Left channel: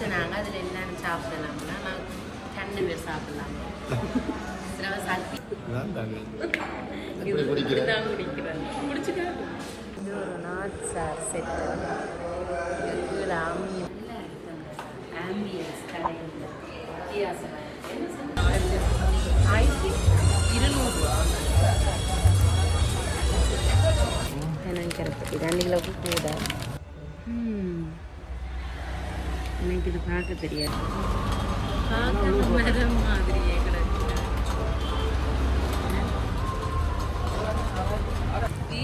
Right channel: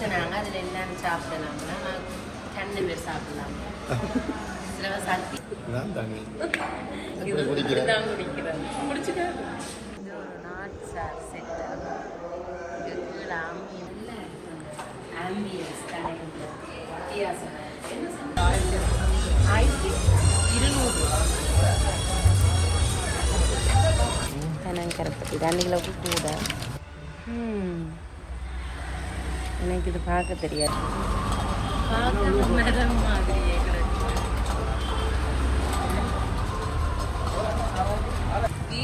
யோசிச்சனாங்க அதில் என்னன்னு சாப்பிடலாம்னா நான் ரெண்டு பேர் சாப்பிடலாம். சக்தி. நான் தானே. குடிக்கிறேன்? குடிச்சுக்கிறேன் ஒரு நாட் சார் செட்டு இதுக்குள்ள ஆமி ஆம்பியன்ஸ் வித்தியாசம். ஆயிரத்தி இருநூறு கணக்கு இதாண்டில் எனக்கு இது பார்க்க தெரியாது. பார்க்க மரம் மாதிரியே கிடக்கு.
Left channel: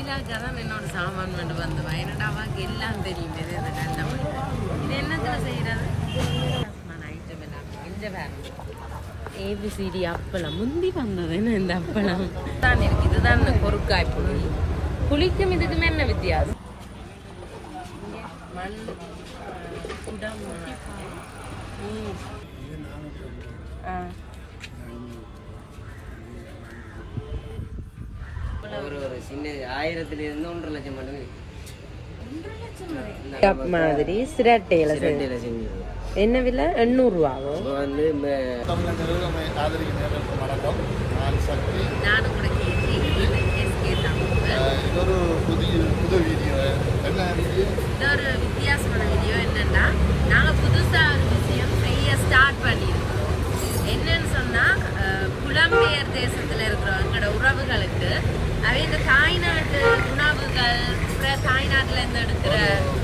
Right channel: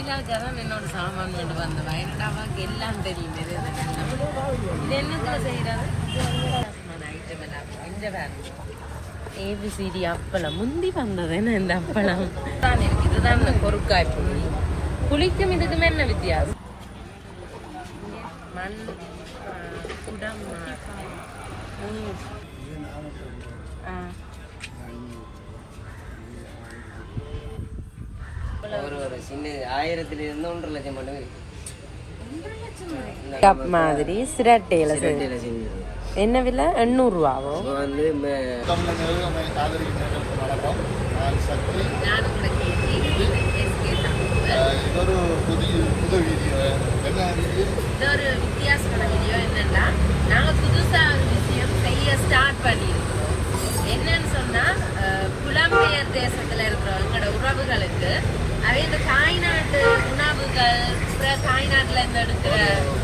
தான் என்னோட சாமான் கொண்டு வந்த வயநாடாவாக்கு எல்லாம் தெரியும் இது இது என்னத்துல வேறு ஏபிசிடி அப்பளம். முந்தி வந்தது என்ன இந்த அப்பளம்? தானே இதுதான் கொருக்காய் புளி புளிக்கும் இதுக்கும் என்ன வித்தியாசம்? நல்ல. ஒரு ஒரு சின்ன ஆயிரத்துல இருந்து ஒன்றரை லட்சம் மட்டும் இருக்கு கப் மாதிரி சிரட்டையில இருக்கு. என்ன விலை? எண்ணூறு ரூபாவோ இப்போ வந்து ம- தமிழ் நிறுவனம் ஆதரிக்கிறவர்களுக்கு வணக்கம் நான் சக்தி நானும் கூட அஹ் இது ஒரு புது புது வீடியோ என்ன வீடியோ இது ஒரு வித்தியாசமான வீடியோ என்னன்னா நாங்க புதுசா ஒரு விஷயம் செய்ய ஸ்டார்ட் பண்ணியிருக்கிறோம் என்னன்னு சொன்னா அஹ், புலம்பெயர் தேசத்துல இருக்கிற உறவுகளுக்கு அதே இந்த தாய்நாட்டு உணவுகள் தாய்நாட்டுல இருந்து எடுக்கிற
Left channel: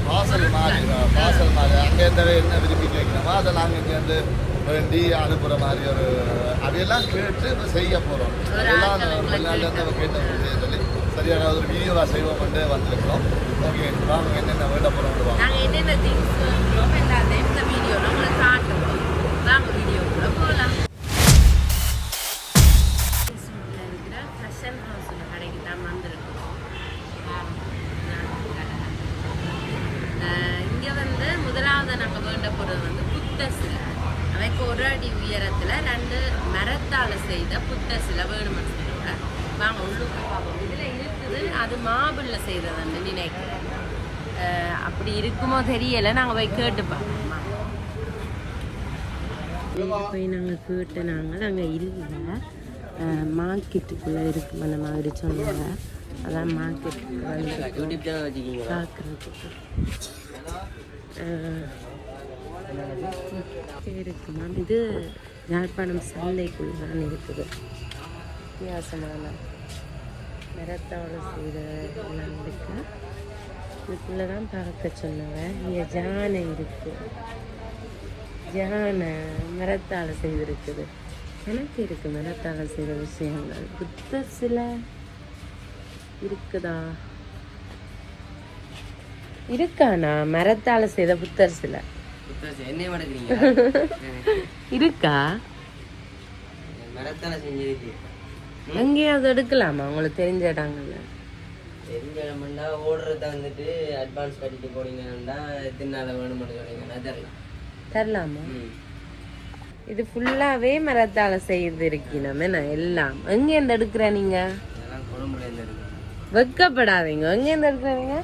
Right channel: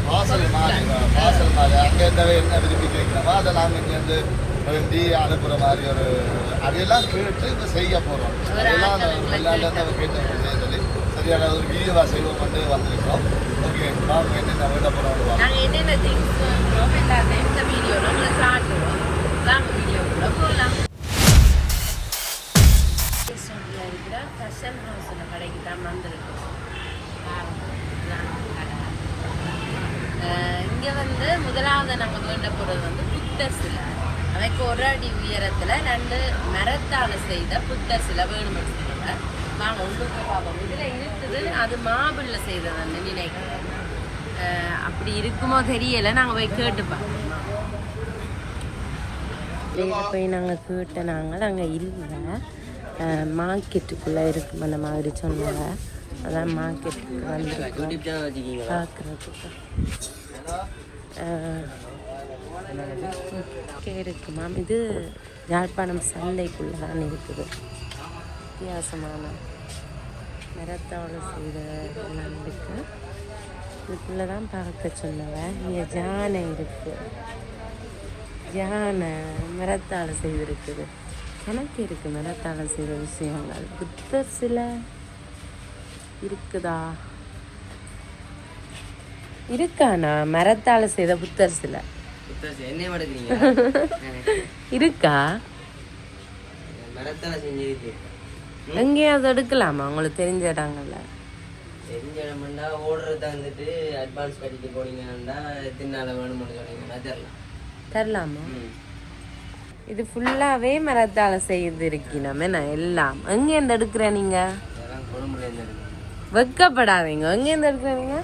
வாசல் மாதிரி. வாசல் மாதிரி. அங்கே எந்த என்ன விரும்பி கேட்குறோமோ அதை நாங்கள் இங்கே வந்து வேண்டி மாதிரி ஒரு அதையெல்லாம் கேட்டு இப்போ செய்ய போகிறோம் கேட்டு சொல்லி சரியான ஒரு வீடியோவாக செய்வோம் வந்து ஓகே நாங்கள் என்னென்ன வேண்ட போகிறோம் என்னென்ன திங்ஸ் வாங்குறோம் எல்லாத்தையும் இந்த வீடியோ உங்களுக்கு காட்டுறோம் இருக்கிற ஃபேஷன் கடைக்கு தான் வந்திருக்கோம் இங்கே வந்து முதலாவது நாங்கள் வேண்ட போறது வந்து புத்த சிலை. அமைக்கு ஒரு அடி உயரத்துல ரெண்டு மரத்தால் செய்த புத்த சிலை வேணும்னு சொல்லுவாங்க வாங்க உள்ளுக்கு பார்ப்போம் இதில் இருக்குது அது மாபிளில் செய்தது வந்து நினைக்கிறேன் அஹ் அப்படி இருக்குமோ தெரியல நாங்கள் போய் கேட்டு பார்ப்போம் போய் நாங்கள் கேட்ட நாங்கள் அங்கே இல்லை மார்க்கெட்டுக்குள்ளே இருக்கும் அந்த மாதிரி சொன்னாங்க. அதான் மார்க்கெட்டுக்கு வந்திருக்கோம். பார்க்குறதுக்கு. இருக்கு மேம் இது யாழ்ப்பாணம் சந்தைக்குள்ளே தான் இருக்குது. வித்தியாசமான நிறத்தோட செய்த எல்லாம் இருக்கு. இதுக்குள்ளே தான் பார்க்க சொன்னவன் இங்கே ஜானை இருக்குது ஜானை மரத்தால் செய்திருக்குது. எனக்கு இருக்கு மரத்தால் செய்த விஷயங்கள். புத்த சிலை இருக்குதா? இருக்காண்ணா மரத்தால் செய்த புத்தர் சிலை. இருக்கா? எங்கேயாவது எடுக்கலாமா? உங்களுக்கு தெரிஞ்ச இடங்கள்ல. தெரிஞ்ச இடமாண்டா ஓடுறத வந்துட்டு அட்வான்ஸ் கட்டிட்டு போனீங்கன்னா எத்தனை நாள் சொன்னீங்கன்னா தரலாம். இது ஃபுல்லாவே மரத்தால செய்து இருக்கணும் என்ன எல்லாம். எங்க இருந்து எடுக்கிற நீங்க? அதெல்லாம் குழம்புல இருந்து இருக்கு வெக்கப்படாதீங்க எங்க இருந்து எடுக்கிறீங்க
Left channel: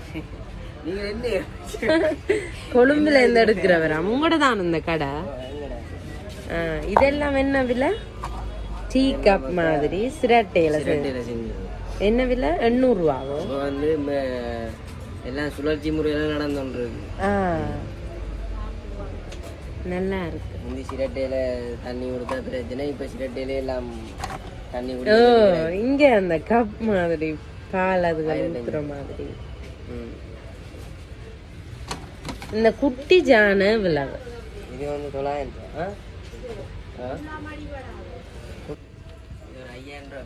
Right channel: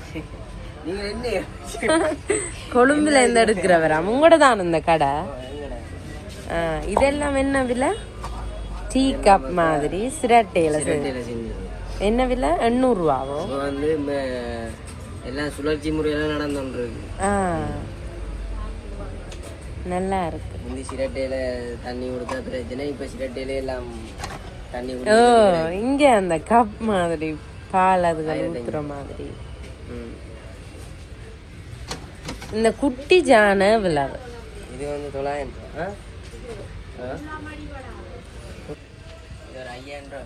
கொழும்புல இருந்து எடுக்கிறவரா? உங்களோட தான் இந்த கடை? ஆ, இதெல்லாம் என்ன விலை? டீ கப் மாதிரி சிரட்டையில என்ன விலை? எண்ணூறு ரூபாவோ இப்போ வந்து ம- எல்லாம் சுழற்சி முறையெல்லாம் நடந்துருக்கு ஆ. நல்லா இருக்கு. இந்த சிரட்டையில தண்ணி கொடுத்தா பிரச்சனை. இப்ப சிரட்டையில எல்லாம் தண்ணி இங்க அந்த கப் மாதிரி பால் அதுகள் ஊத்துற மாதிரி. இந்த குட்டி ஜான விளவு இது வந்து தொள்ளாயிரம் ரூபா. ஒரு ஐயாயிரம் ரூபா.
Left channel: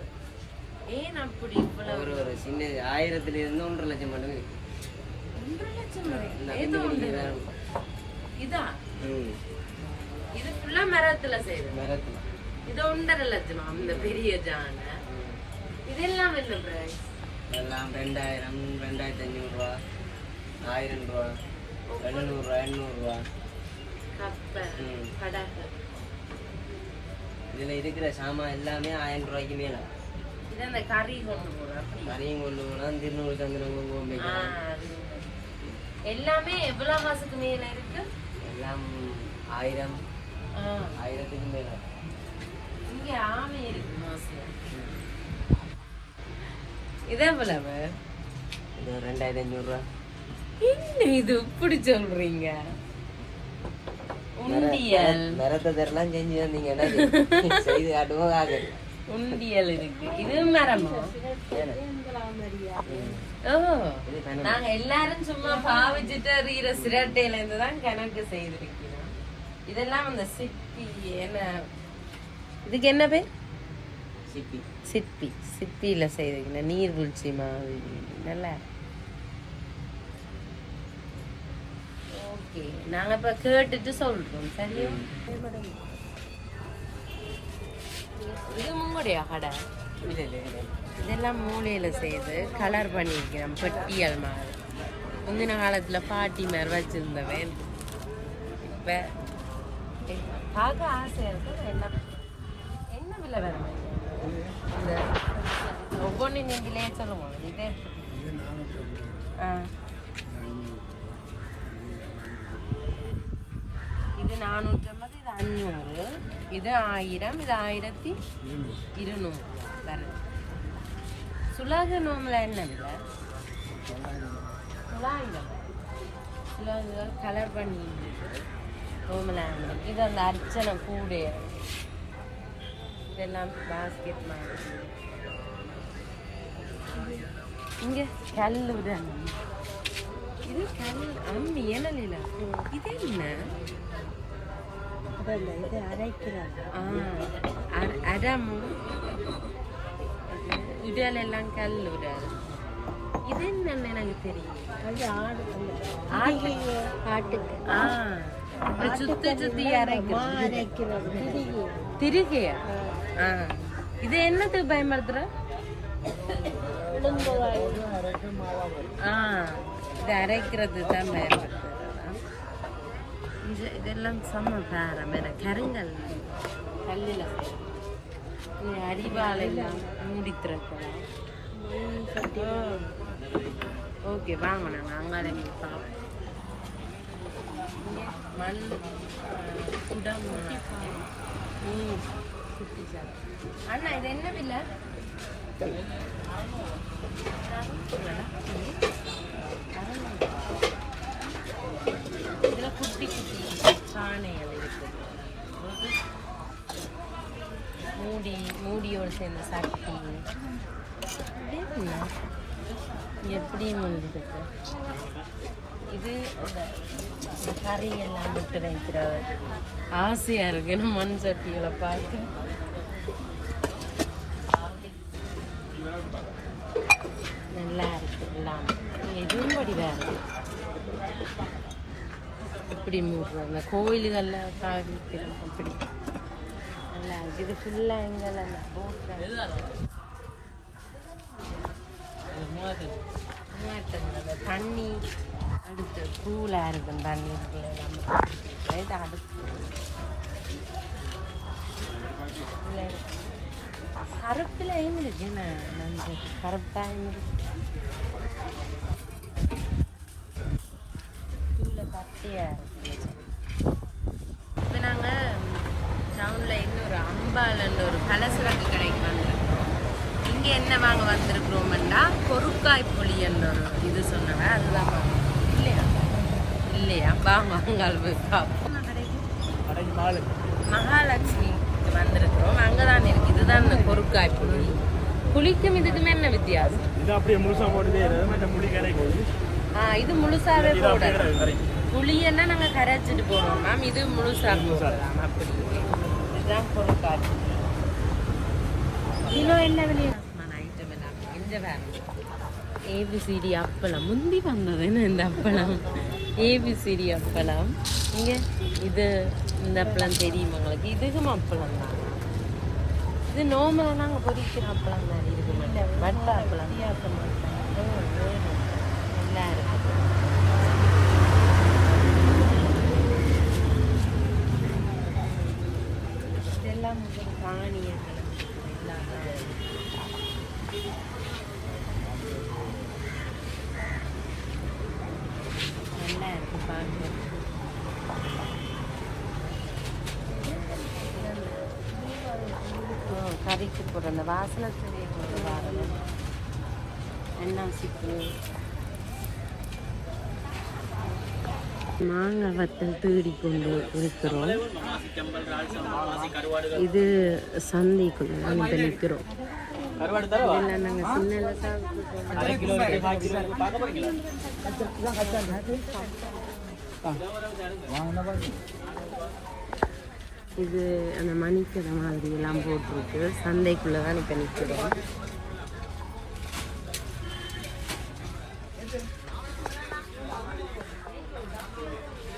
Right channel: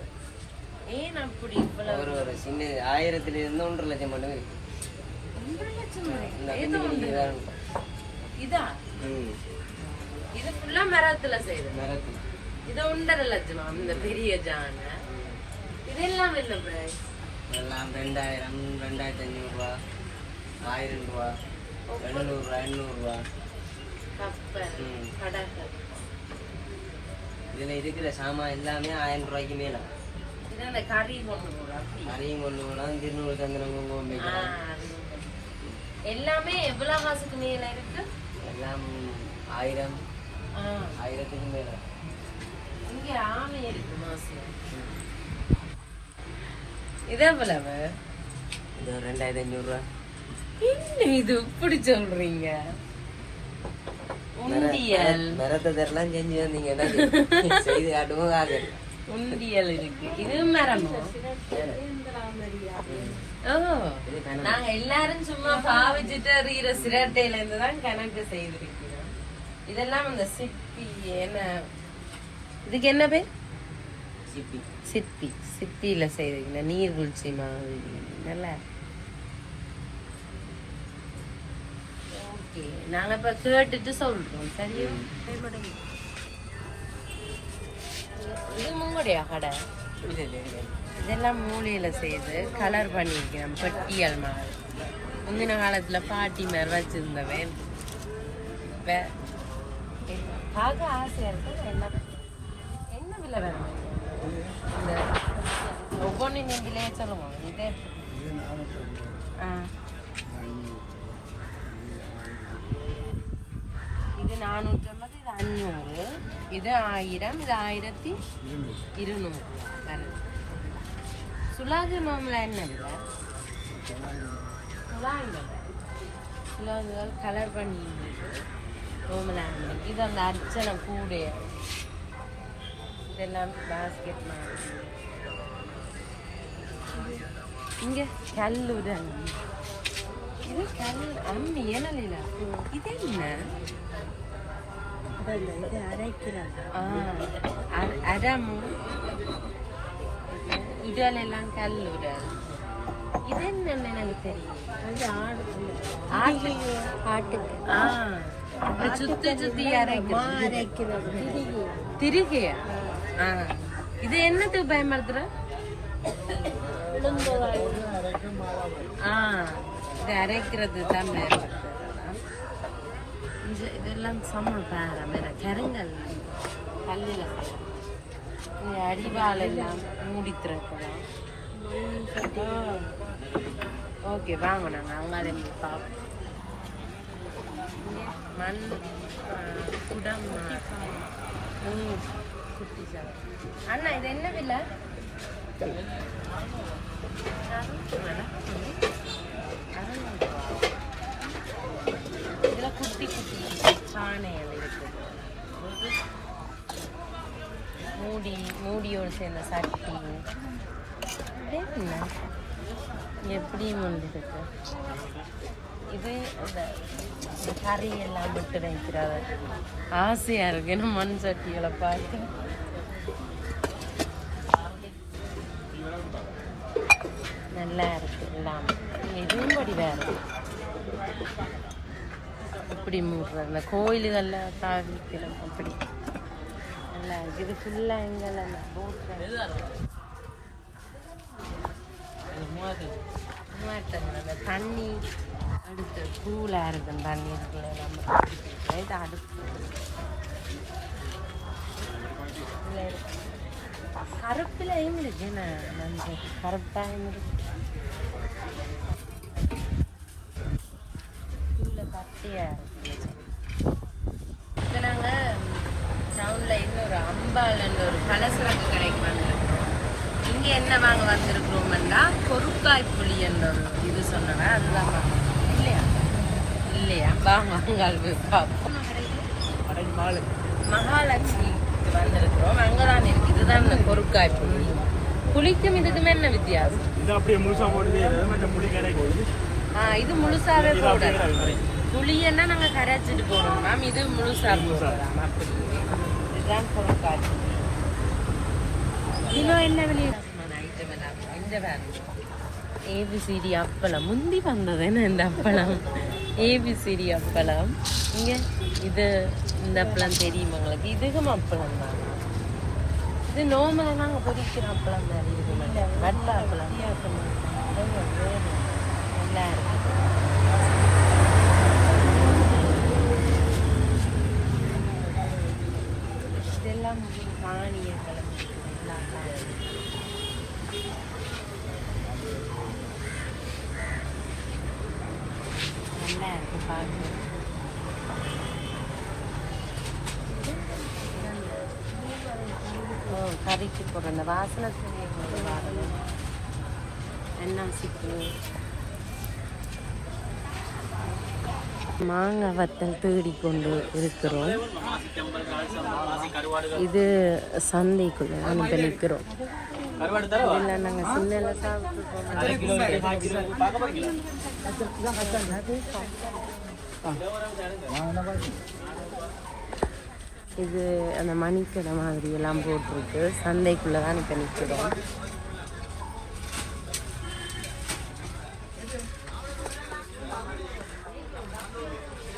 ஏன் அப்படி இவ்வளவு? ஒரு ஒரு சின்ன ஆயிரத்துல இருந்து ஒன்றரை லட்சம் மட்டும் இருக்கு. இந்த இதா இது ஃபுல்லா மரத்துல செய்யுது வேற இது ஒன்றரை லட்சம் இந்த பெரிய ஜான. இதெல்லாம் இல்லை பிரைஸ் எல்லாம் ரெண்டாயிரம் ரெண்டாயிரத்தி ஐநூறு ரூபா ஆயிரம் ரூபா எழுநூறுவா எண்ணூறுரூவா கப்பல் ம். படகு இதில் இருக்கிற சாமான் எல்லாமே ஆயிரம் ரூபாய்க்கு மேலே. இது அந்த கறி கொண்டு அப்படி. தனியும் கொண்டு போனால் திருநூறு. அது. எல்லாமே எவ்வளவு மாசத்துக்கு மேல இருக்கு? எல்லாம் ஆயிரம் ஆயிரத்துக்கு மேல இங்க ஆமை இருக்கு மாசம் இதே போலவ இது ரெண்டாயிரத்தி அஞ்சூறு ரூபா என்ன இது இப்படி சொல்றீங்க உண்டியல் நிறத்தை செஞ்சு வந்தீங்க செய்து காட்டுவோம் உண்டியல் இருக்கு இது மரமா ஓ நாங்க எல்லாரும் சும்மா பாவிச்சுட்டு எறிகிற சிரட்டையில இருந்து தான் கணக்கு செய்திருக்கிறோம் இதெல்லாம் அந்த சிற்பி என்ன? இதுக்கு என்ன பேர்? சிப்பி சிப்பியில செய்திருக்கீங்க நீர்வீழ்ச்சி மாதிரி. நல்லா ஓகே. நாங்க இப்ப கேட்டுட்டு சொல்றோம். சரியா? இது உங்களுடைய கடை? இது இது இது. இதெல்லாம் மூலையில செய்து கலர் பண்ணியிருக்கிறேன் பெட்டியல் மாதிரி. முந்தின காலத்துல பாட்டி மாதிரி வச்சிருந்தவன். இப்ப பார்க்க ஆசையாக இருக்கும் எல்லாம் என்ன விலை வேணும் இந்த ஒவ்வொன்று நீங்களே சொல்லுவோம் இது ஆ. இது நானூற்றி ஐம்பது இது அஞ்சூறு இது ஆயிரம் இது ஆயிரத்தி இருநூறு விலை சுலாகு என்ன இல்லை சுலாங்க கலர் பண்ணி நோம்புல இது அந்த அர்ச்சனை கூடு இதெல்லாம் பாஸ்கெட் மாதிரி இங்கே கல்லுடன் இது கல் ஆமா ஏழலையில இது என்ன ஆ, அர- அரமு இது என்னன்னு எனக்கு தெரியும் ஆடு ஆட்டுக்கு ஆ சுத்தி சுத்தி அரைக்கிறது திருகிய இது என்னத்துக்கு பயன்படுத்துற ஆ இது அரைக்கிறது தான் பயன்படுத்துறது இதெல்லாம் சமம் பேரம் வேற கருங்கல் கல்லில் நீ அடிவாள் எல்லாம் மூடி ஓகே வாங்க நாங்கள் அங்கே பார்ப்போம் நல்ல குடம் மூணு குட்டி சார் அண்ணா இது என்ன விலை இதுல குட்டி குட்டி மூடி சேர்ந்த சட்டி எப்படி வந்துருக்கு இது அந்த இந்த கறி எல்லாம் விட்டு வைக்கிறாங்க ஆசையா இருக்கு என்ன மண் சட்டிகளை பார்த்து நல்லா இருக்கு எல்லாம் இதுவும் படி வேற இப்படி மூடுறது அந்த கோயில்களில் சாதிக்கிறோம் அப்படி நல்லா இருக்கு இது ஃபுல்லாக போட்டு அந்த கூலாக இருக்கும் தண்ணி கருப்புலையும் இருக்கு ம- மஞ்சள் கருப்பாயும் இருக்கு கீழே பச்சையா இருக்கு இப்போ நாங்கள் டவுனில் இன்னொரு அம்பாலன்ற ஒரு கலசரப்பு கடைக்கு வந்திருக்கிறோம் இங்கே என்ன வாங்க வந்திருக்கிறோம்னா பொருட்காய் புளி என்ற ஒரு இது சொன்னவன் அதுதான் வாங்க. இல்லையா அது போய் பார்ப்போம் மகாலட்சுமி வந்திருக்கிறோம் அங்கே தான் இருக்கு இதுதான் இந்த பொருட்காய் புளி புளிக்கும் இதுக்கும் என்ன வித்தியாசம் இது முழுசாவே புளியன்னா நாங்க கரைச்சிட்டு போடுவோம் மேம் இது முழுசா போடுறோம் இதுதான் பொருட்காட்சி இது என்ன விலையான ஐட்டம் எல்லாம் இந்த வேணும் ஏபிசிடி அப்பளம். முந்தி வந்தது. என்ன இந்த அப்பளம்? ஏபிசிடி அப்பளம். இங்க இது இந்த அப்பளம் தெரியும் உங்களுக்கு? இதுவும் அப்பளம் தான். இது நோமலை நாங்கள் பொரிக்கிற அப்பளம் மாதிரி இருக்குது வட்ட அப்பளம். நல்லா இருக்கும் இதெல்லாம் வந்து தானியங்களை நல்லா இருக்கு பார்க்க சின்ன சின்ன அன்னாசிப்பூ மாங்காய் வத்தல் தேடி கொண்டு இருக்கிறோம். இது சந்தைக்குள்ள அனுப்பி நிற்கிறோம் இதெல்லாம் நாங்கள் சின்ன இது அந்த மணிக்கடை மாதிரி எல்லாம் போட்டிருக்கு. சந்தைக்குள்ள தான் இப்போ நிற்கிறோம்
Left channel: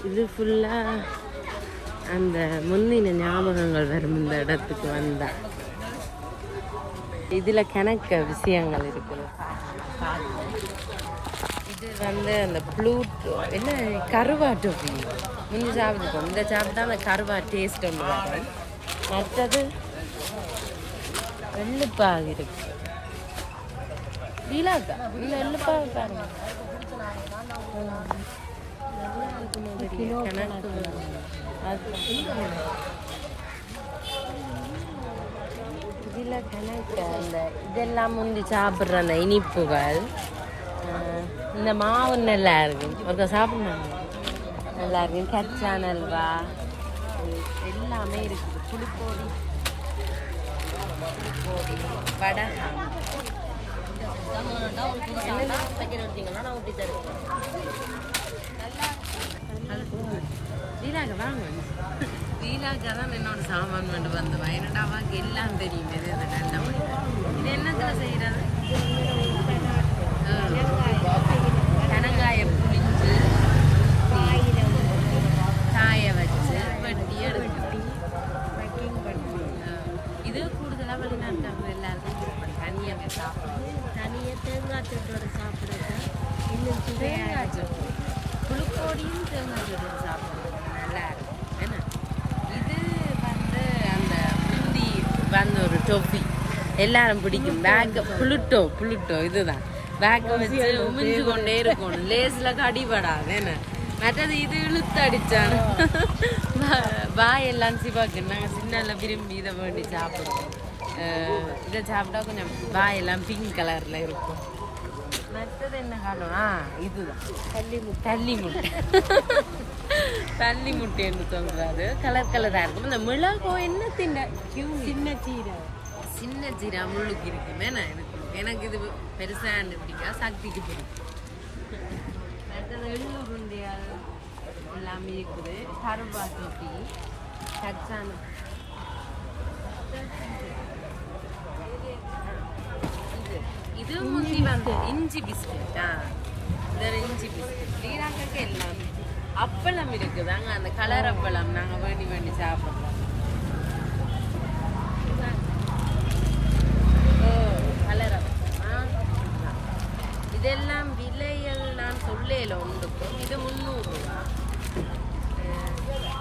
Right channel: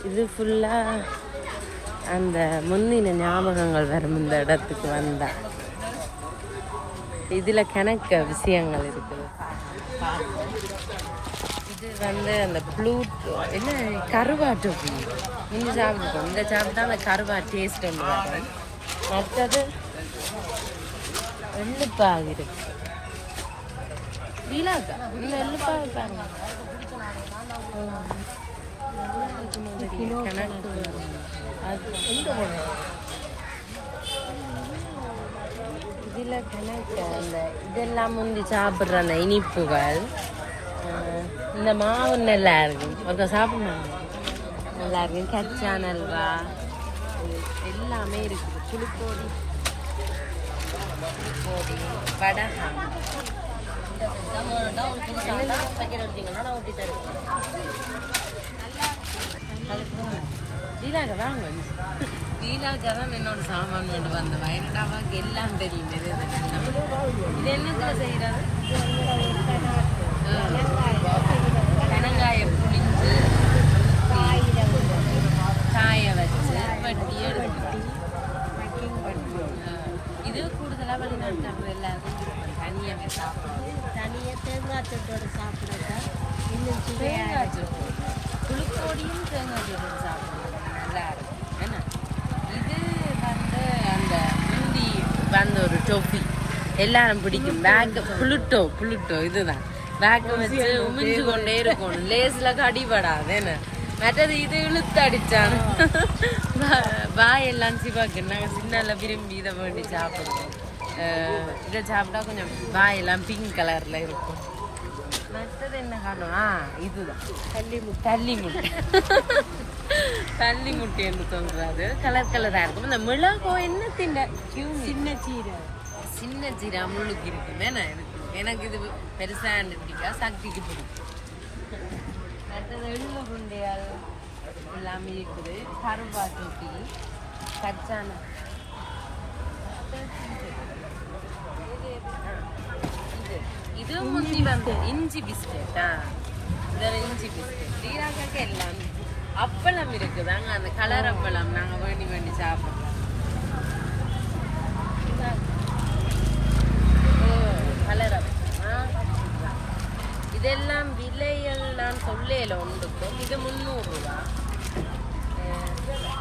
இது ஃபுல்லாக அந்த முந்தின ஞாபகங்கள் வரும் இந்த இடத்துக்கு வந்தேன் இதில் கணக்கு விஷயங்கள் இருக்குது இது வந்து அந்த ப்ளூட் என்ன கருவாட்டு இந்த சாப்பிட்டுருக்கோம் இந்த சாப்பிட்டா அந்த கருவா டேஸ்ட் ஒன்று வெள்ளுப்பாக மற்றது இருக்கு. இல்லாக்கா இல்லை வெள்ளுப்பாக பாருங்க. இதில் கணக்கு இந்த இதெல்லாம் முந்தி சாப்பிட்ற அந்த இனிப்புகள் இந்த மாவு நல்லா இருக்கும் ஒருக்கா சாப்பிடணும் நல்லா இருக்கும் கச்சா நல்வா எல்லாமே இருக்குது புளிப்போடி புளிப்போடி வடகம் லீலாக வாங்க லீலாக்கா தான் என்னோட சாமான் கொண்டு வந்த வயநாடாவாக்கு எல்லாம் தெரியும். இது என்னத்துல கனங்காய புளிஞ்சு காய வச்சு வட்டி எடுத்து இது கூடுதலாக வெங்காயம் எல்லாருக்கும் விருப்பம் தனியாக சாப்பிடுவோம் தனியாக தேங்காய் தொட்டோடு சாப்பிடக்க இன்னும் தேங்காய் சட்னி புளிப்பொடியும் தேங்காய் சட்னி சாப்பிடுவோம் நல்லா இருக்கும் ஏன்னா இது வந்து அந்த முந்தி வந்து ஒரு டொஃபி எல்லாரும் பிடிக்கும். பேக்க புளுட்டோ புளுட்டோ இதுதான். பேக்கை வச்சு உமிஞ்சு கொண்டே இருக்கும் லேஸ்ல கடிபடாது என்ன? மற்றது இது இழுத்து பாய் வாயெல்லாம் சிவாக்கு. நாங்கள் சின்னல விரும்பி இதை வேண்டி சாப்பிடுவோம். இதை சாப்பிட்டா கொஞ்சம் வாயெல்லாம் பிங்க் கலர்ல இருக்கும். மற்றது என்ன காரணம்? ஆ இதுதான். தள்ளி முட்டை. தள்ளி முட்டை என்று சொல்றாரு கலர் கலராக இருக்கும். இந்த மிளகோ என்ன தின்ன? சின்ன சீரை சீரை முள்ளுக்கு இருக்கு. வேணா இருக்கும் எனக்கு இது பெருசா பிடிக்கா சக்திக்கு பிடிக்கும் மற்றது எள்ளு உருண்டையால் எல்லாமே இருக்குது கருவாட்டு டீ கச்சான இது முந்தி வந்து இஞ்சி பிஸ்கெட்டா? இதில் இஞ்சி பிஸ்கெட். ஸ்ரீராகக்கு எல்லாம் அப்பளம் இருக்குதாங்க அந்த கலர் அப்பளம் நாங்க வேண்டி வேண்டி சாப்பிடுறோம் ஓ கலர் அப்பளமா இதுதான். இதெல்லாம் விலைகள் நான் சொல்லல ஒன்றுக்கும் இது முந்நூறுரூவா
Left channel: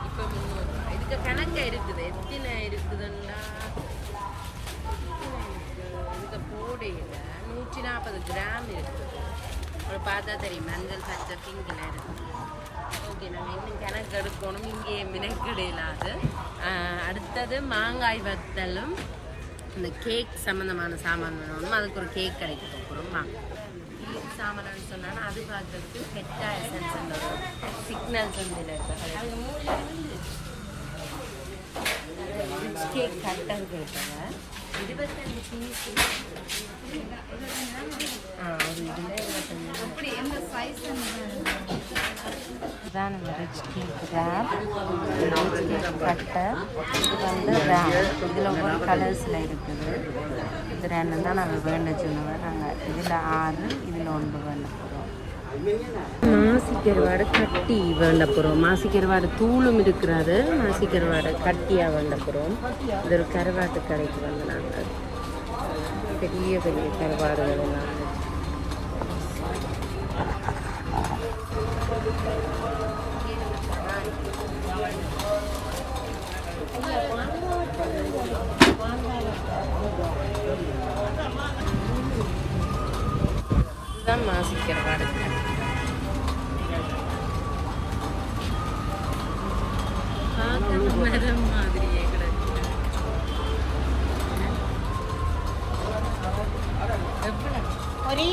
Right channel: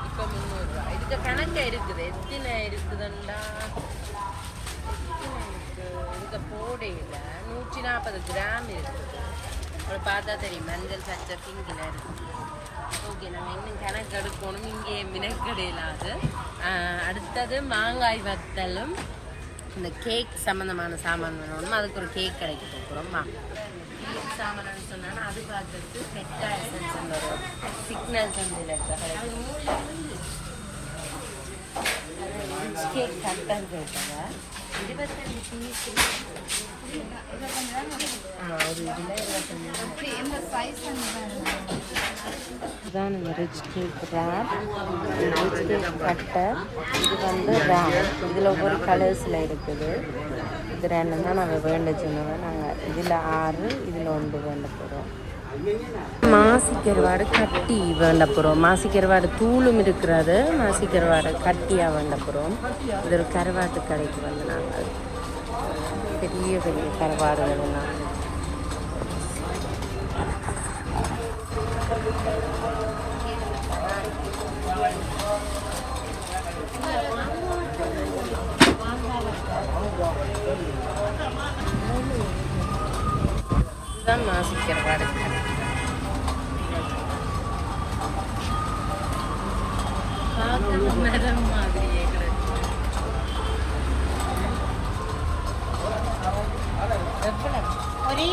இப்போ முந்நூறுரூவா இதுக்கு கணக்கா இருக்குது எத்தனை இருக்குதுண்டா எத்தனை இதுக்கு போடையில் நூற்றி நாற்பது கிராம் இருக்குது ஒரு பார்த்தா தெரியும் மஞ்சள் சச்சை பிங்கில் இருக்குது ஓகே நாங்கள் இன்னும் கணக்கு எடுக்கணும் இங்கே மினக்கடையிலாது அடுத்தது மாங்காய் வத்தலும் இந்த கேக் சம்மந்தமான சாமான் வேணும் அதுக்கு ஒரு கேக் கடைக்கு போகிறோம் வாங்க கேக் சாமான் சொன்னாலும் அது பார்த்துட்டு கெட்டாய் சிக்னல் சந்தில் ரிச் கேக் கட்டர் கேட்குங்க இருபத்தஞ்சு பீஸ் இதுதான் இந்த rich cake wrap rich cake cutter இது வந்து ரேப் இதில் ஒவ்வொரு கலர்ஸில் இருக்குது. இது ரெண்டும் தான் நாங்கள் வேண்ட சொன்னவன். நாங்கள் இதில் ஆறு இதில் ஒன்று வேண்ட போகிறோம் மாசிக்கருவாடு கட்டி வேண்ட போகிறோம் மாசிக்கருவாடு தூளும் இருக்கிறது. மாசிக்கருவாடு கட்டியாக வேண்ட போகிறோம் இது ஒரு கருவாட்டு கடைக்கு வந்து நாங்கள். பெரிய பெரிய கருவாடுகள் எல்லாம். தான் மாசு குறைவாக இருக்கிறேன். பார்க்கணும் மேடம் மாதிரியே கிடக்கு. எவ்வளவு? ஒரு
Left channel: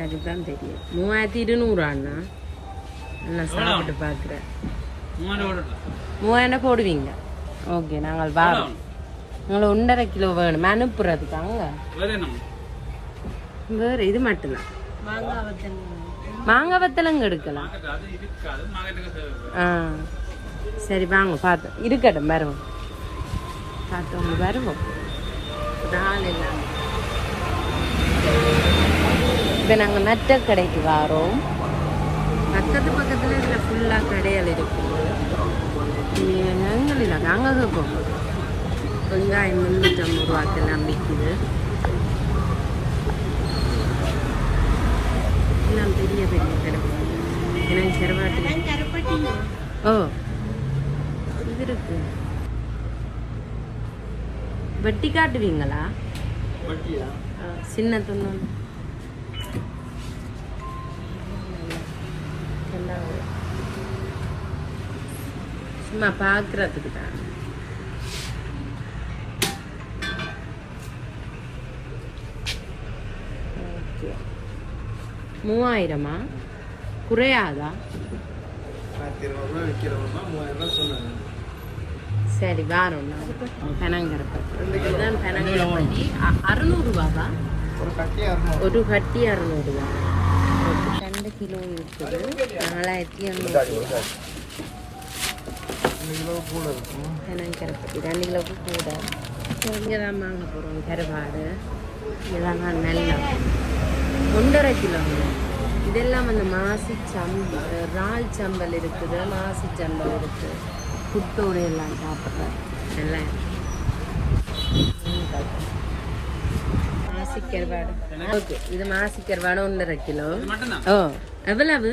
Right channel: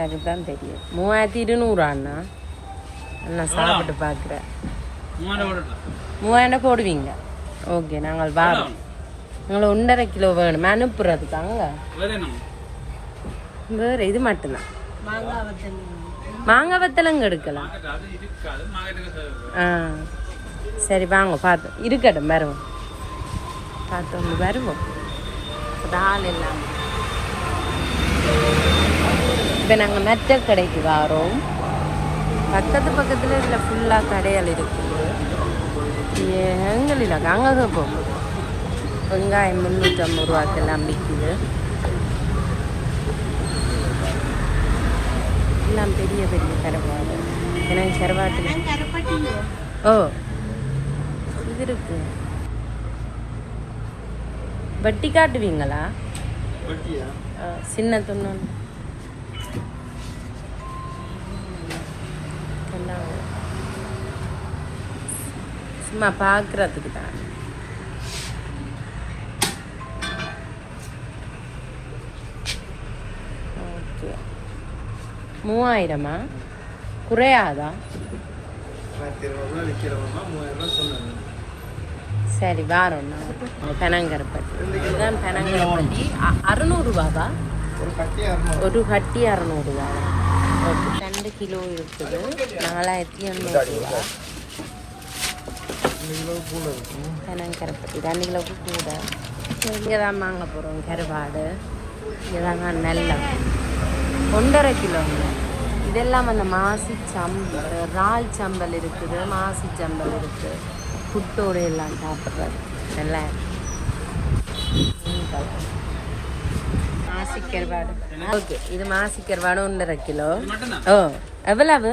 லீலாக்காக்கு தான் தெரியும். மூவாயிரத்தி இருநூறு அண்ணா நான் சாப்பிட்டு பார்க்குறேன் மூவாயிரம் போடுவீங்க. ஓகே நாங்கள் வரோம் நாங்கள் ஒன்றரை கிலோ வேணும். அனுப்புறதுக்காங்க வேறு இது மட்டும்தான். மாங்காய் வத்தலங்க எடுக்கலாம். ஆ. சரி வாங்க பார்த்து இருக்கட்டும் வருவோம். பார்த்தோம் வருவோம். ஆள் எல்லாம் இப்போ நாங்கள் நெட்ட கடைக்கு வரோம். பக்கத்து பக்கத்தில் இதில் ஃபுல்லாக கடைகள் இருக்குது எங்கள் இல்லை அங்கே போகும் வெங்காயம் முந்நூற்றம்பது ரூபாய்க்கெல்லாம் விற்குது எல்லாம் பெரிய பெரிய கருவாடு. எனக்கு கருவாட்டு ஓ இது இருக்கு. வெட்டி காட்டுவீங்களா? சின்ன துண்ணு சும்மா பார்க்குறதுக்கு தான். மூவாயிரமா? குறையாதா? சரி வாரோண்ணா பெனங்கருப்பட்டி. இதுதான் பெனங்கருப்பட்டி. அ- அறுநூறுவாவா? ஒரு ஒரு கட்டி அறநூறுவா. ரெண்டு கிலோ இருக்குது. நாலாயிரத்தி எண்ணூறு பெனங்கருப்பட்டி ரெண்டு கிலோ கூட இங்கே தான் வாங்க போகிறோம் கருவாடு இதுதாங்க நெல்லம் ஒன்றரை கிலோ. இதெல்லாம் அந்த மாசி சம்ப இறால் சம்பல் இருக்குது மாசி சம்பல் இருக்குது புட்டோடு எல்லாம் சாப்பிட்றது நல்லா மாசி கருவாடு ஓகே இது மாசி கருவாடு ஒன்றரை கிலோ ஓ எவ்வளவு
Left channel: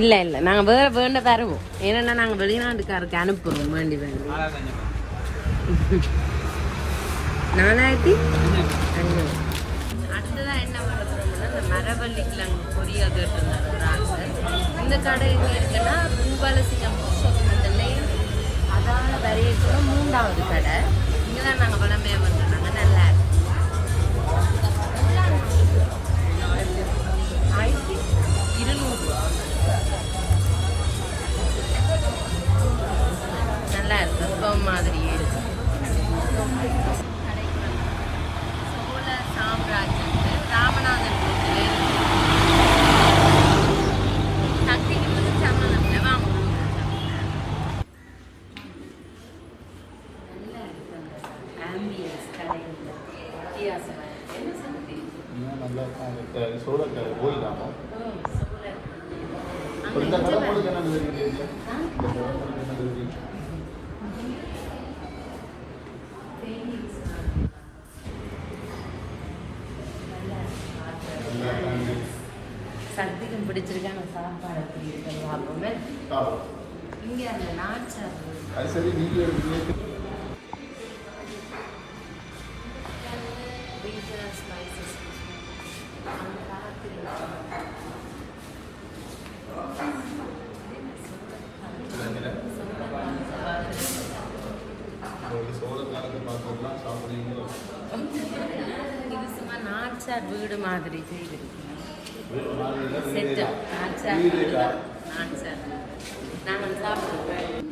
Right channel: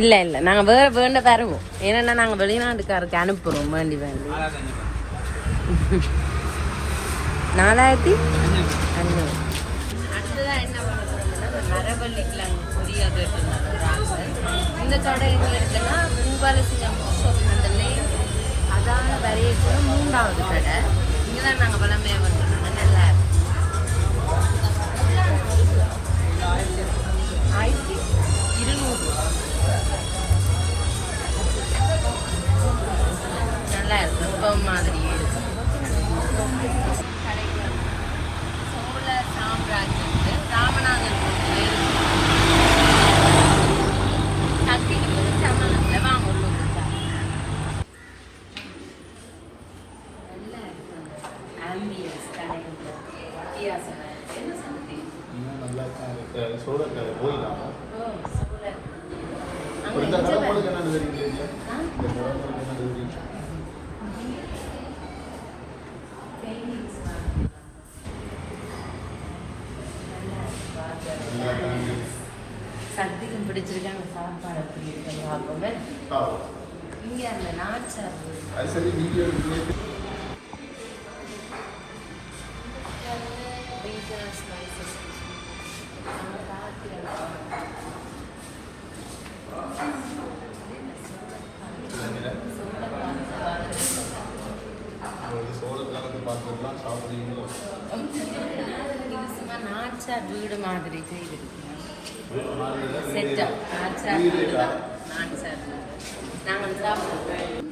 இல்லை இல்லை. நாங்கள் வேற வேண்ட தருவோம். ஏன்னா நாங்கள் வெளிநாட்டுக்காருக்கு அனுப்புகிறோம் வேண்டி வேண்டி. நாலாயிரத்தி அஞ்சூறு அடுத்ததான் என்ன பண்ண போறோம்னா மரவள்ளி கிழங்கு பொரியல் கேட்டுருந்தாங்க இந்த கடை எங்க இருக்குன்னா பூபாலசியம் அந்த நெய் அதான் நிறைய கடை. இங்கே தான் நாங்கள் பழமையாக மாதிரி. சோழ சாம்ராஜ்யம் நாச்சார் வீடு மாதிரி செய்திருக்கோம் செட்டா நாச்சார் வீடு நாச்சார் நாங்கள் சாப்பிடுவோம்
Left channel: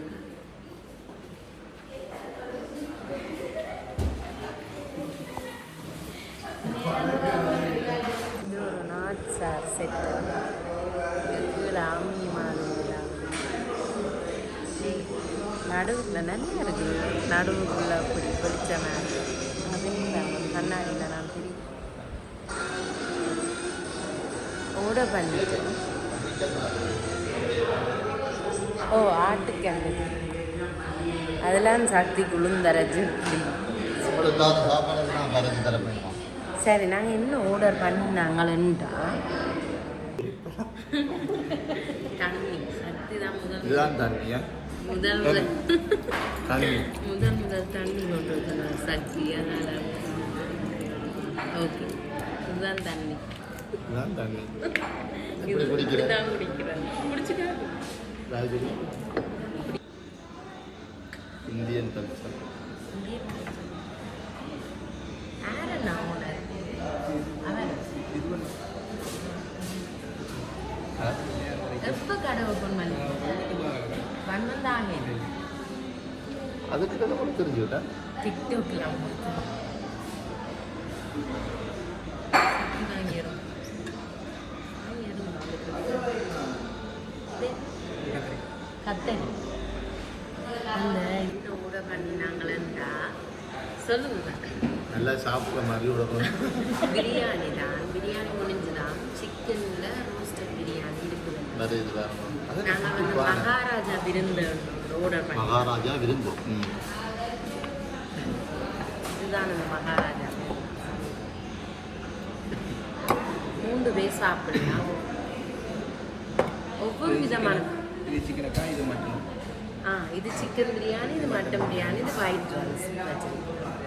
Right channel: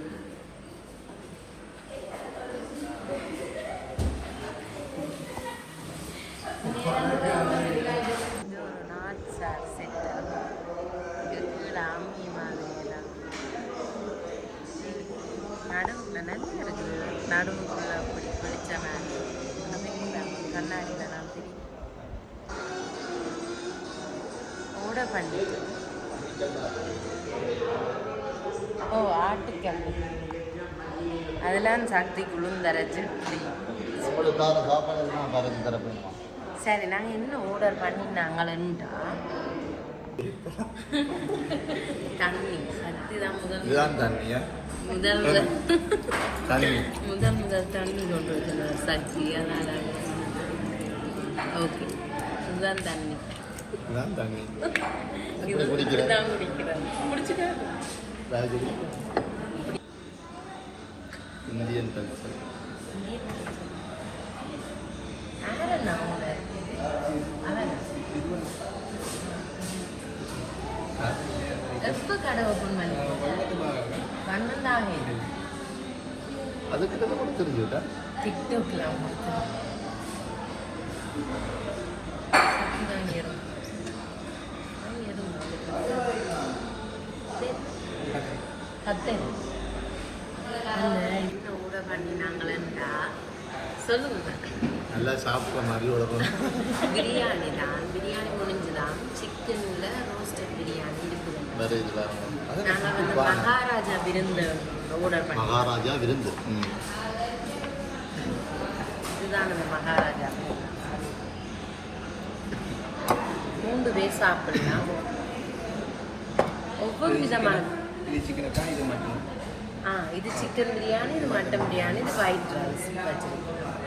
அதெல்லாம் சக்தி வேணுமா சரி நாங்கள் என்ன ஆர்டர் பண்ணினாங்களேன்ட்டா தண்ணி. சக்தி தான் முதல் முதல். முதல் முதல் முதல் தண்ணி கொண்டு வச்சுருந்தோம் சக்தி அதனால. ஓகே. இதுதான் தண்ணி. இதுதான் தண்ணி? தான் குடிக்கிறேன்? ராஜகுடி இந்தியன்? அவரா? எப்போ கடை ஓப்பன் பண்ணுவீங்க அதுக்கு கூட தெரிஞ்சுட்டா டிக்டாக்ல அந்த என்ன ஊட பண்ணினாங்களா சொல்லுங்க நல்லா சாப்பிட்ற மாதிரி உடம்பு. பிரியாணி தான். பிரியாணி முடிஞ்சுதான் சிக்கன்ல ரோஸ்டட் பிரியாணி இருக்குது. வந்து மகாராஜா விருந்து ஆர்டர் பண்ணி. மகாராஜா விருந்து. ம். இதுதான் இந்த மகாராஜா மூன்று பேர் சாப்பிடலாம். ஒவ்வொரு விதமான இது சிக்கன் பிரியாணி இது ஒயிட் ரைஸ் வச்சிருக்கோம்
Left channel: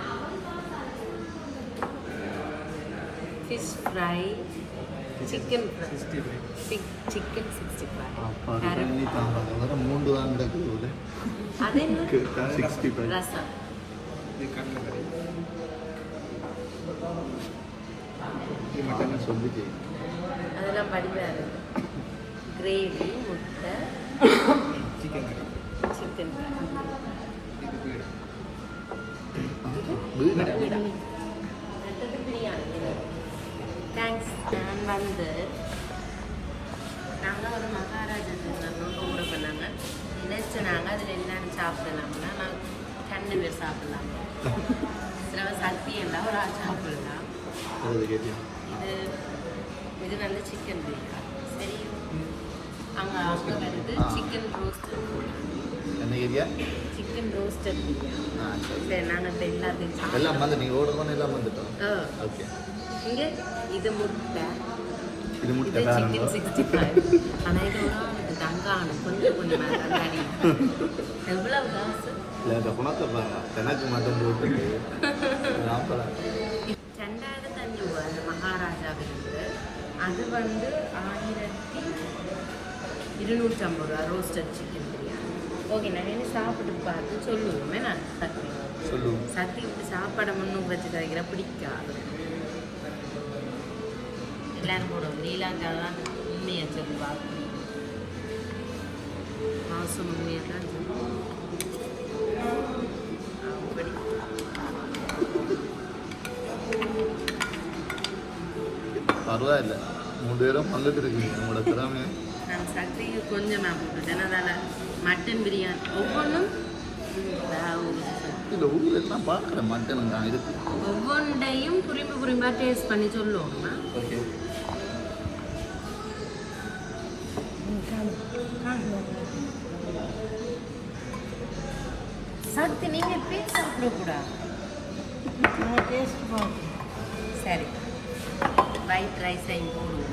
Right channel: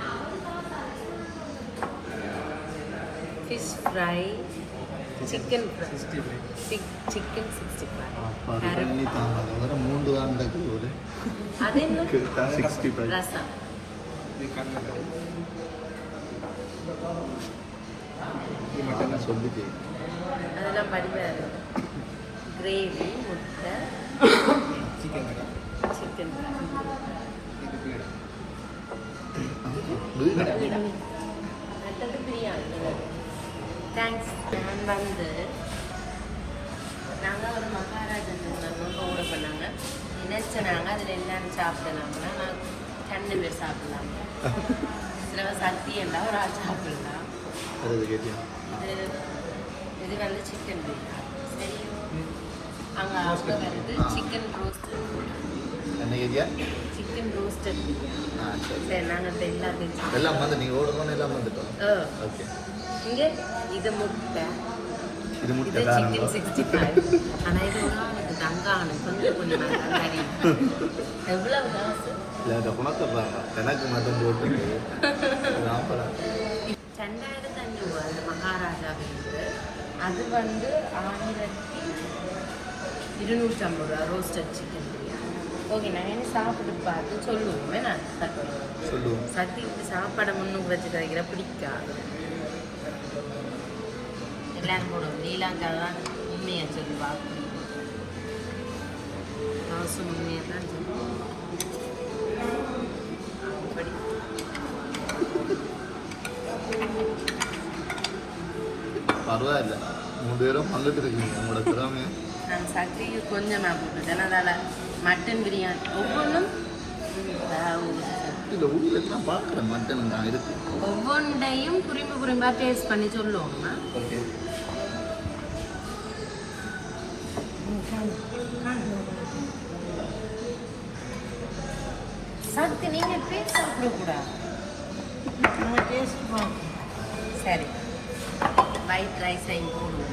fish fry chicken chicken sixty five biryani தாங்க வேற மூன்று தான் கிடக்குது சிக்ஸ்டி ஃபைவ் ரசம் அதெல்லாம் படிவாரு கிரேவி முட்டை சிக்கன் தேங்க்ஸ் நான் வந்து நாங்கள் ஒரு மகாராஜன் ஆர்டர் பண்ணாங்க நினைச்ச நாங்கள் அதில் என்னன்னு சாப்பிடலாம்னா நான் ரெண்டு பேர் சாப்பிடலாம். சில சக்தி எல்லாம் ஒரு ஆள் சாப்பிடலாம். இது இது வந்து சிக்கன் பிரியாணி சரி. அங்கே அங்கே வந்து சிக்கன் ரோஸ்ட் என்ன சாப்பிட்டோம். எல்லாம் வந்து நீங்கள் ஓடுற பண்ணி எல்லாம் வந்துட்டோம் ஓகே. இது முட்டை. இது முட்டை ஆனால் இது தங்கான கொஞ்சம் கொஞ்சம். எவ்வளவு காசு இல்லை எனக்கு மட்டன் போட்டு ரெண்டாயிரத்தி அஞ்சூறு அந்த மகாராஜா விருந்து அது வந்து ஆயிரத்தி இருநூற்றி ஐம்பது ரூபா ரோஸ்டட் சிக்கன் பிரியாணி ஓகே நான் என்ன சாப்பிட்டு பார்த்து சொல்லுவோமே. நான் சக்தி. சொல்லுவோம். சக்தி இப்படி சாப்பாடை முன்னுக்கு வச்சு வைக்கிற பிடிக்காது. எல்லாரும் போடுவோம். நீலாங்கா தான் உண்மையை சொல்லுவா மாசம் உண்மையை தான் சொல்லுவோம் அப்படி. பரவாயில்ல. மூணு பேரும் பங்கிட்டு இருக்கீங்க. உங்களோட திறமை நான் சக்திக்கு கொஞ்சமாக போட்டுட்டேன். அதனால் மட்டன் பிரியாணி. ஒவ்வொன்றும் இல்லை ஊரில் எல்லாம் பார்க்குறேன் மட்டன் நான் இருக்கு. ஒவ்வொன்றையும் புரிம்பு புரிம்பா டேஸ்ட் பண்ணி சொல்லுவோம்மா ஓகே. நீங்கள் டேஸ்ட் சாப்பிடக்கூடாது சரி. ஒயிட் ரைஸையும் போடுவோம்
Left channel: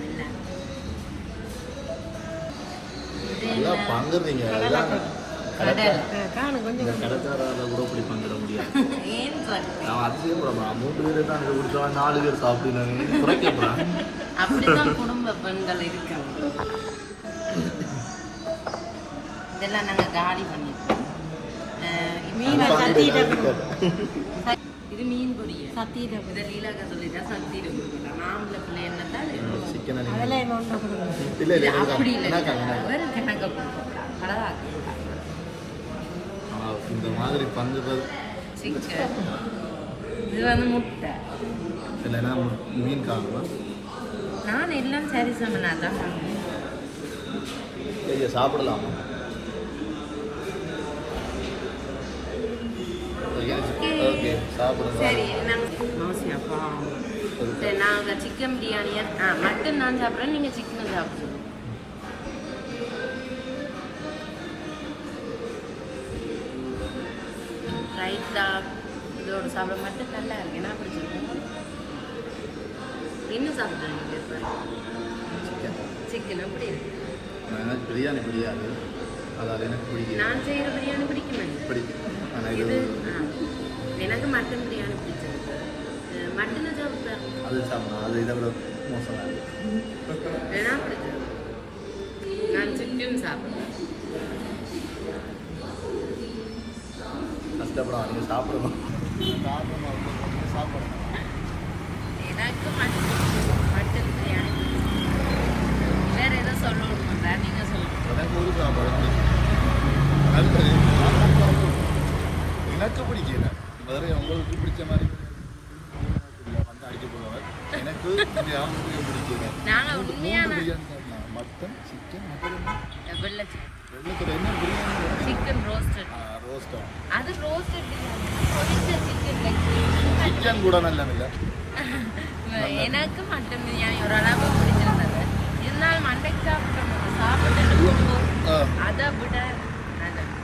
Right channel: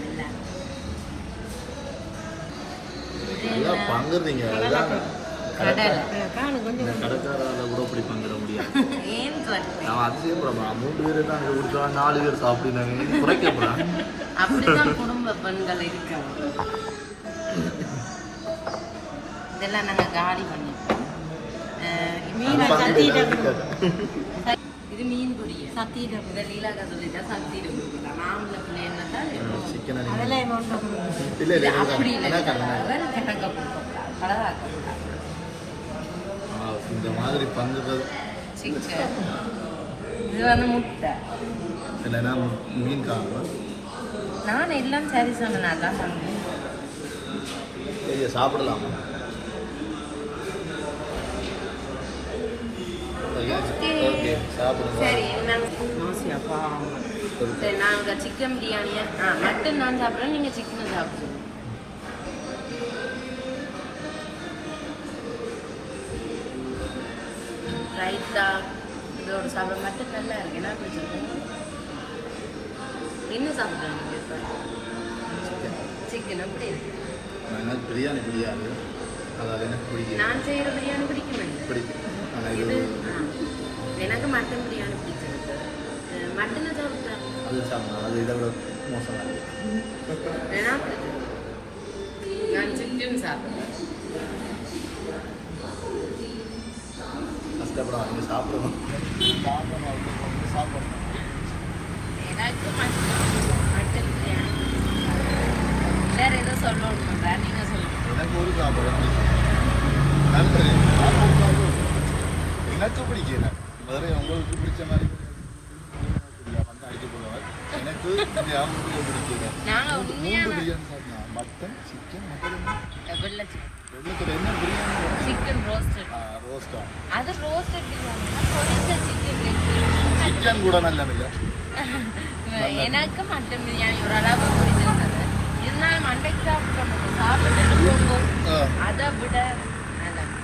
ஐயா பங்குறீங்க. அதுதான் இந்த கடைக்காரால கூட இப்படி பண்ணிட முடியாது? நான் அதுலேயே கூட மூணு பேர் தான் கொடுத்தா நாலு பேர் சாப்பிடுறாங்க குடும்ப பெண்கள் இருக்காங்க பங்கு இது மீன் பொரியல் சத்தீரம் இந்த லீலாக்கா சொல்லிட்டா சத்தீரம் மாமல்ல பிள்ளை என்ன தான் சிக்கன் இல்லை அப்படி இல்லை இல்லை அவர் கிணக்க கொடுக்கலாம் பலவாக்க இந்த மாதிரி பங்குகள் சிக்கன் இது வந்து முட்டை இல்லைன்னா மீன் காணும் நான் எல்லாம் சரி சொன்னா தான் பண்ணுவேன் ஐயா சரி நாங்கள் சிக்கன் பிரியாணியா ஆ மட்டன் நான் சாப்பிட்றேன் நீங்கள் சிக்கன் சாப்பிடுங்க. ரைத்தா இதோட சாப்பிட மட்டும் நல்லா இருக்கு என்ன பிடிச்சிருக்கோம் என்ன சாப்பிட்றேன் நீங்கள் இப்போ? சிக்கன் அப்படி எனக்கு பிரியாணி பிடிக்காது அதாவது எனக்கு பிடிக்கும் நான் செய்கிற பிரியாணி பிடிக்கும் ஆனால் இது எனக்கு மட்டன் பிரியாணி பிடிச்சிருக்கு. மட்டனை சாப்பிட்றேன் அது சாப்பிடும் அது இதை விட மோசமாக பிடிக்கும் நான் சிக்கன் சாப்பிட்றேன் கஷ்டப்படும் அவங்க சாப்பிடணும். வேற ஏதோ சொல்லணும் பண்ணுறேன் நீங்கள் சொல்லுங்கள் எனக்கு ஒரு சாப்பிடும் நன்றி எனக்கு பிடிக்கல. வேற உங்களுக்கு பிடிச்ச மாதிரி. எனக்கு பிடிக்கும் மூன்று பிரியாணி மட்டன் சிக்கன் மட்டன். என்ன பிரியாணி? சிக்கன் ரோஸ்டட் ரோஸ்டா அது roasted biryani roasted chicken chicken கூட நல்ல இல்லை எனக்கு மட்டன் பிரியாணி ஓரளவு பிடிச்சிருந்தது இருந்தாலும் அன்னைக்கு சாப்பிட்டோம் சாப்பிட்டு அதை விட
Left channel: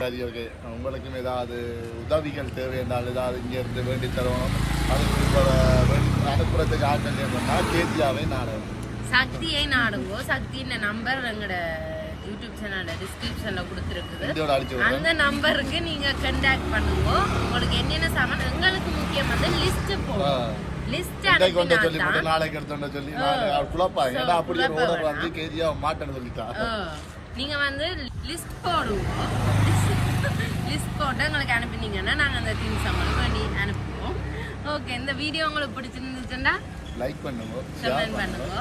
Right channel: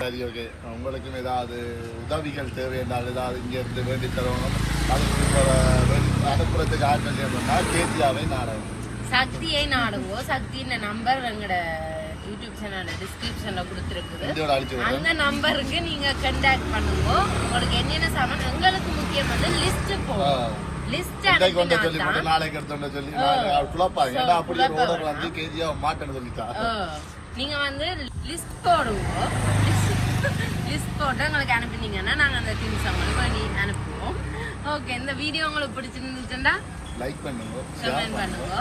சரி ஓகே உங்களுக்கும் ஏதாவது உதவிகள் தேவை என்றால் ஏதாவது இங்கே இருந்து வேண்டி தரணும் அது அனுப்புறதுக்கு ஆட்கள் வேணும்னா கேசியாவை நாடகம் சக்தியை நாடுங்கோ சக்தியின் நம்பர் எங்களோட யூடியூப் சேனல்ல டிஸ்கிரிப்ஷன்ல கொடுத்துருக்குது. அந்த நம்பருக்கு நீங்க கண்டாக்ட் பண்ணுங்க. உங்களுக்கு என்னென்ன சாமான் எங்களுக்கு முக்கியம் வந்து லிஸ்ட் போகும் லிஸ்ட் கொண்டு சொல்லி நாளைக்கு எடுத்து சொல்லி. குழப்பாங்க. ஏன்னா ஓடர். வந்து கேஜியா சொல்லிட்டா. நீங்க வந்து லிஸ்ட் போடுங்க. லிஸ்ட் போட்டு உங்களுக்கு அனுப்பினீங்கன்னா நாங்க அந்த திங்ஸ் உங்களுக்கு பண்ணி அனுப்புவோம். ஓகே இந்த வீடியோ உங்களுக்கு பிடிச்சிருந்துச்சுன்னா லைக் பண்ணுங்க கமெண்ட் பண்ணுங்க.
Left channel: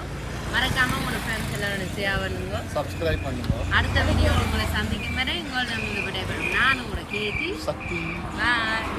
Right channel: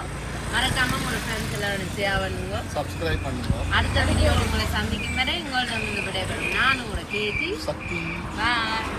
மறக்காம உங்களோட ஃப்ரெண்ட்ஸ் எல்லாம் ஷேர் பண்ணுங்க சப்ஸ்கிரைப் பண்ணுங்க. அடுத்த வீடியோவில் உங்களை சந்திக்கும் வரை உங்களிடம் விடைபெறும். நான் உங்களோட கேட்டி சக்தி. பாய்